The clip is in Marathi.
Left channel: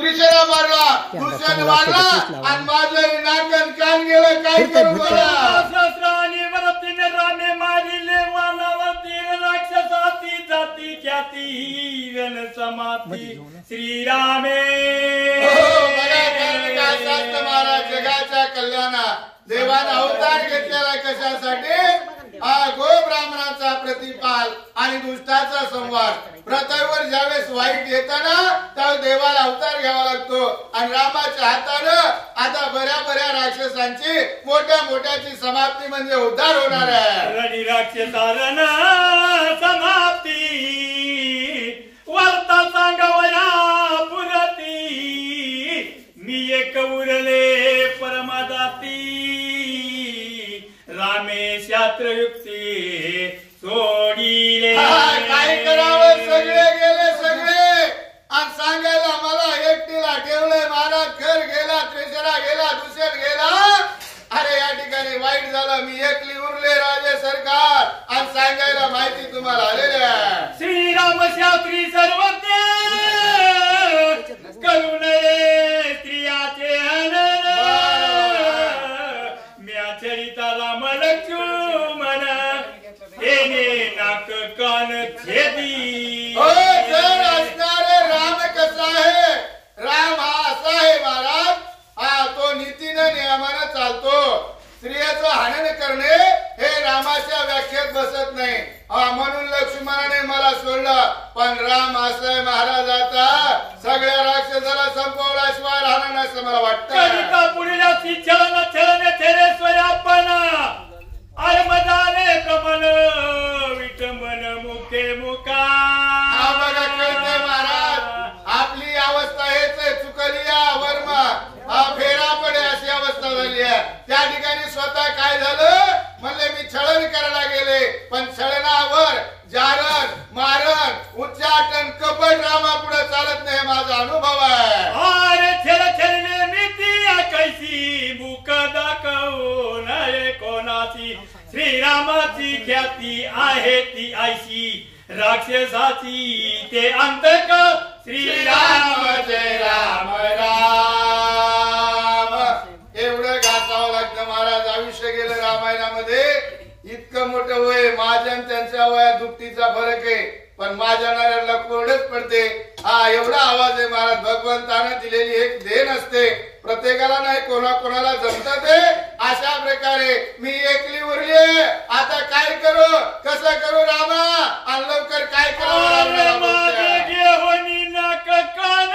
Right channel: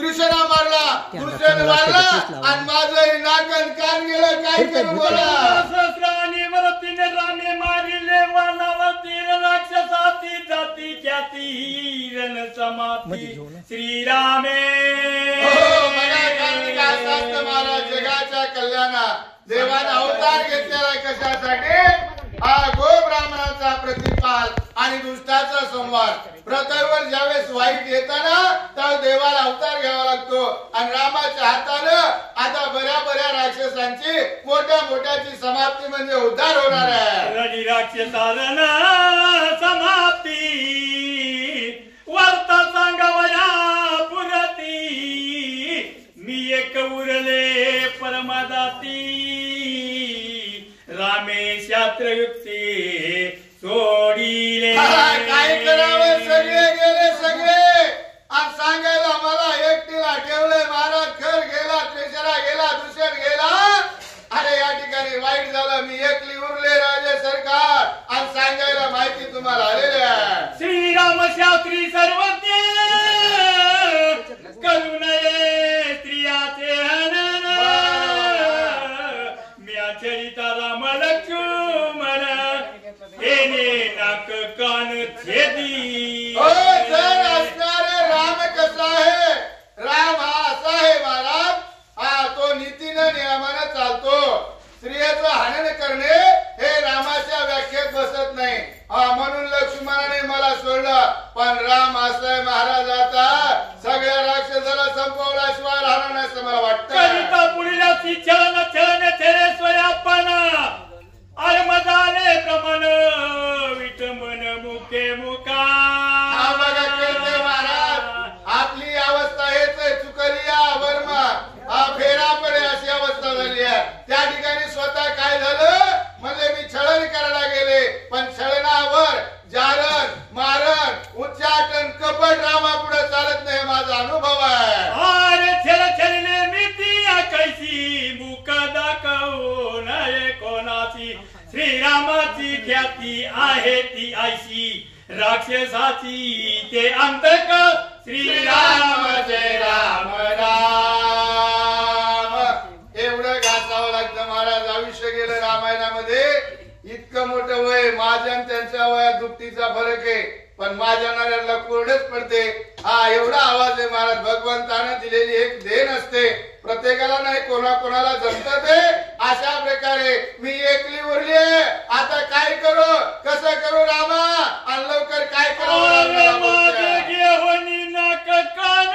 त्रिशरा मारला, दुसऱ्याने मारला आणि माझं नाक कान गेलं. काय करू बोला. सहस्राने वरतीने रामे मारिले वानावती राक्षसाती जाती ख्याती रण समाप्ती श्रीरामे. महाराज जगाच्या कल्याणा देवाने अवतार घेतलेला कशासाठी. हा गो ब्राह्मणाचा प्रतिपाल आणि दुष्टाचा संवाद. पृथ्वीवर ज्यावेळेस वाईट येताना तेव्हा देवाला अवतार घ्यावा लागतो आणि रामाच्या हातानं आता बऱ्या राक्षसांची मोठ्याची समाप्ती म्हणजे उद्धार होणार आहे. रडी राक्षसारण समाप्ती वार्ता सांगावया पुरती मी एक उरले परमादाती रामे शास्त्रयुक्ती सोडिले. काय करावं. सगळे गेले सगळे आणि सांगायला मला एकटीला ठेवलंय. महाराज खर गेला, त्रिशरा गेला, दुसर गेला. अरे या ठिकाणी वाईट झालं. मी एकली उरले राजे सरकार आणि सांगायला माहिती तुम्हाला आलेल्या. श्रीराम शास्त्री सर्वज्ञ करू नये स्त्रियाचे हनन म्या चरिता राम लक्ष्मण हेने नाक कान छेदी. जर असणारे राम कसा आहे. राम हा असा आहे महाराज. हा तो नीतीने नियमाने चालतो. स्त्रियाचं हनन करणे हे रामाच्या व्याख्येत बसत नाही. म्हणून लक्ष्मणाने मला सोडलं. पण राम असलाय महाराज आता सगळ्या राक्षसाला संपवल्याशिवाय राहणार नाही असं मला वाटतं. कविता पुढील छळन छळने तेरे स्वयापना अरे मजाले प्रमाण विटंबन मुखे मुका. बघा कळते महाराज आपली अवस्था हेच आहे. चुकलिया वर्मा हा फेरा पडे अशी अवस्था झाली आहे. त्या ठिकाणी स्वतः काय झालं म्हणले मी छळन करायला गेले पण छळनावर जारण मारण उच्चाटन कपट रामा पुढे चालत नाही. माझा अनुभव आहे. अरे छेल छेलने मिती कैसी मुख दाखवू नये कोणाची श्रीरामाची ख्याती आहे ती ऐशी राक्षसाची ते अंतक श्रीराम जय राम राम. एवढं घासावं लागतं महाराज. आयुष्य गेलं रामायणामध्ये. इतकं मोठं वय माझ्या त्यांच्या वयात दुपटीचा फरक आहे पण माझ्या नाऱ्याला कोरडेच पडते. हा एवढा आवाज आहे महाराज. भगवंतानं दिलेली एक देण असते. प्रत्येकाला नाही कोणाकोणाला जमत ते. अशा प्रकारे मी एकली उरली. आता काय करू कसं करू रामा आणि लवकर काय करू. घेऊन नाक कान